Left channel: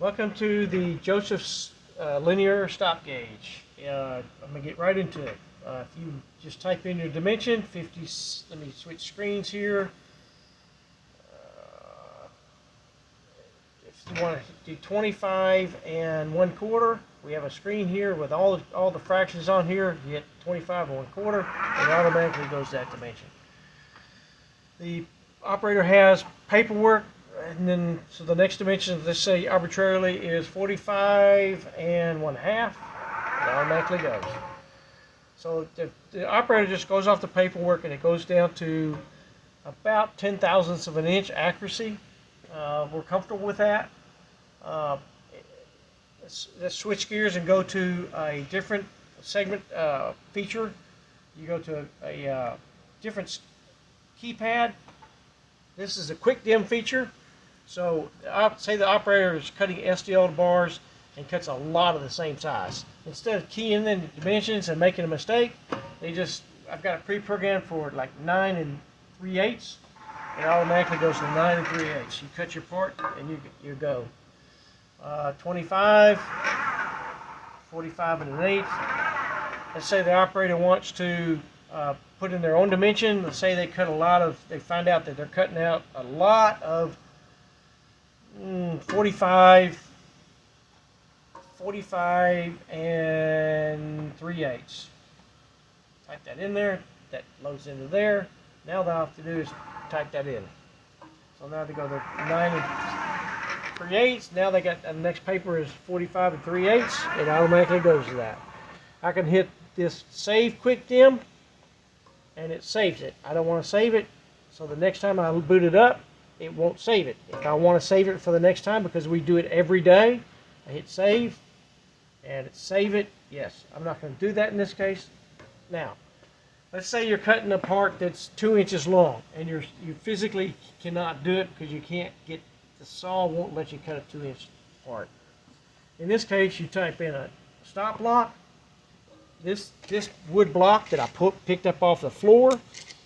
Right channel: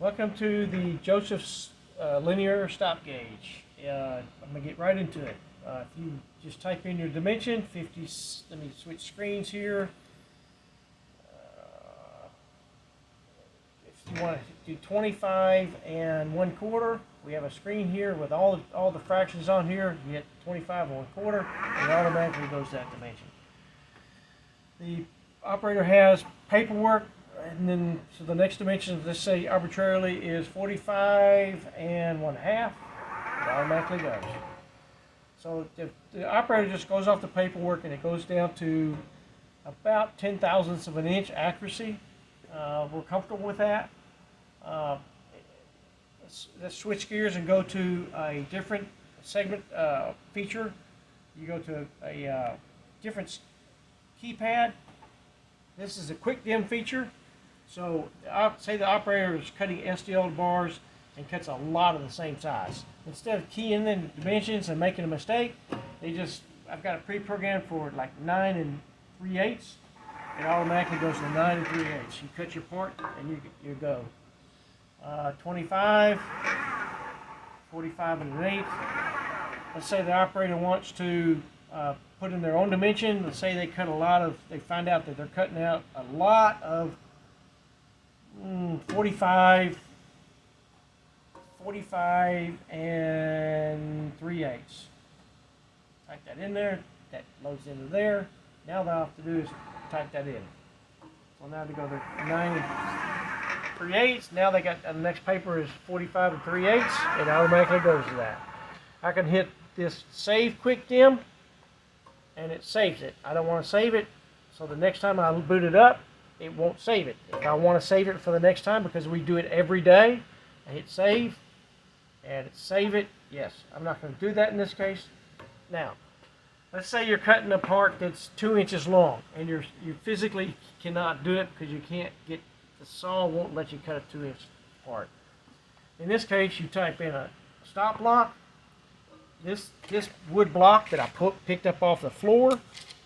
Welcome to the Joseph's linear stop gauge. I'm going to get right into it. If you just type in your dimension, 50, let me switch screens here. If you want to do 25 and 1/4, we have a screen here with all the fractions on here. You hit 25 and 1/4, and it automatically goes that dimension. The operator has paperwork. And then, so the next dimension, let's say arbitrarily, is 45 and 1/2. It automatically goes. So the operator just goes off the paperwork and it goes down to about 10 thousandths of an inch accuracy. We're comfortable with that. Let's switch gears and go to a different segment feature. You go to a different keypad. This is a quick dim feature. So say the operator is cutting SDL bars and cuts a lot of the same size. Instead of keying in the dimensions and making a mistake, I've got it pre-programmed for like 9 3/8. It automatically goes to 9 3/8. You cut your part and you go. 25, 45 and 1/8. Let's say the operator wants to put in their own dimension. Let's say they find out that they're cutting out a lot of 45 and 3/8. Type that in there. That loads into there. Now all they have to do is type that in. So now they go to 9 and 3/8. Now they got the next paper is 45 and 3/8. It automatically goes to that. I can hit this Save Quick Dim, and it saves it. I don't want to save it, so the next time I boot it up, it won't save it. If I want to save it for the next time, because we do it every day, I hit save, and it save it. Yes, I'm not going to do that in this case. Now, let's say you're cutting a part that's 2 inches long, and you physically cannot do it because you can't get, the saw won't let you cut a 2-inch part. In this case, you type in a stop block. This wood block that I picked up off the floor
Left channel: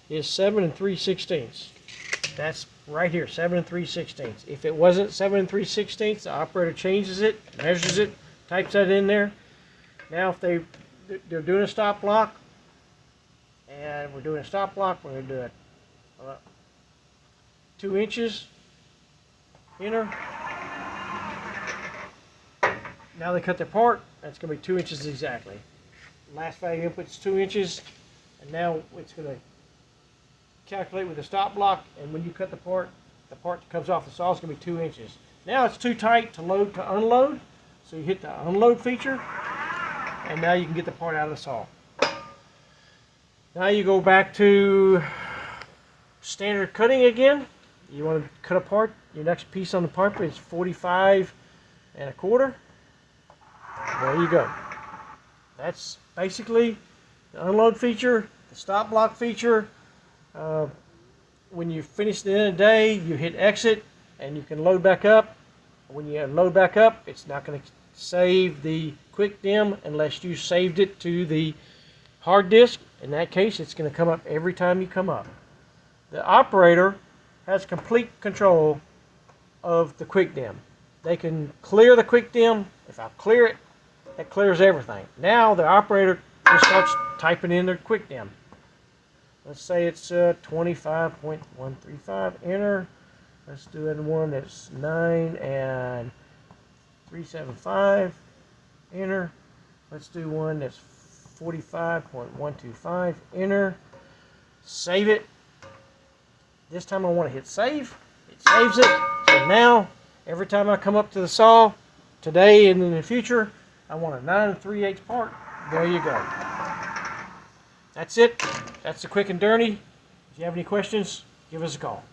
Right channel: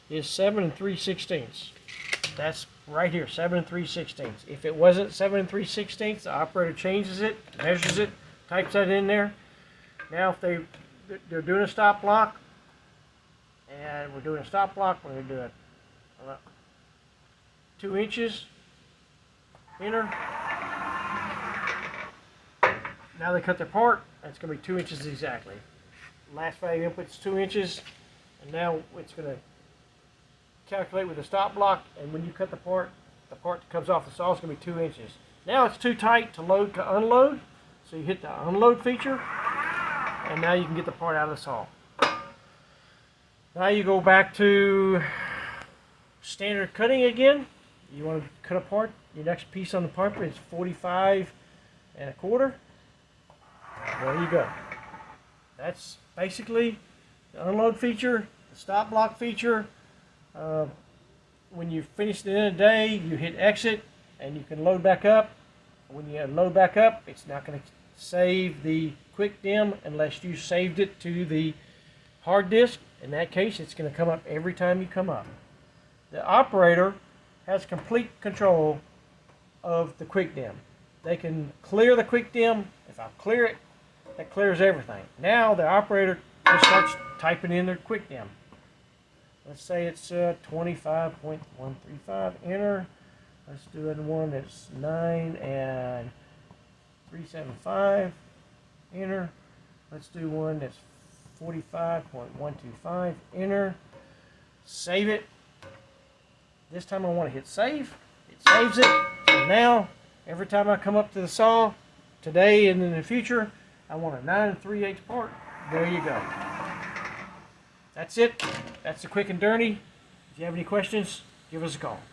is 7 3/16. That's right here, 7 3/16. If it wasn't 7 3/16, the operator changes it, measures it, types that in there. Now if they're doing a stop block, and we're doing a stop block, we're going to do it 2 inches, enter. Now they cut their part, that's going to be 2 inches exactly. Last value input is 2 inches, and now it's going to calculate with the stop block, and when you cut the part that comes off the saw is going to be 2 inches. Now it's too tight to load to unload, so you hit the unload feature, and now you can get the part out of the saw. Now you go back to standard cutting again. You want to cut a part, your next piece on the part is 45 and 1/4. There you go. That's basically the unload feature, the stop block feature. When you finish the end of the day, you hit exit and you can load back up. When you load back up, it's not going to save the quick dim unless you saved it to the hard disk. In that case, it's going to come up every time you come up. The operator has complete control of the quick dim. They can clear the quick dim. If I clear it, that clears everything. Now the operator just starts typing in their quick dim. Let's say it's 25.135, enter. Let's do it in one that's 9 and 3/75, enter. Let's do one that's 45.125, enter. Save it. This time I want to hit save. It saves it. So now, every time I come up to the saw, today and in the future, I want a 9 3/8 part. There you go. That's it. That's the quick and dirty. If you have any questions, give us a call.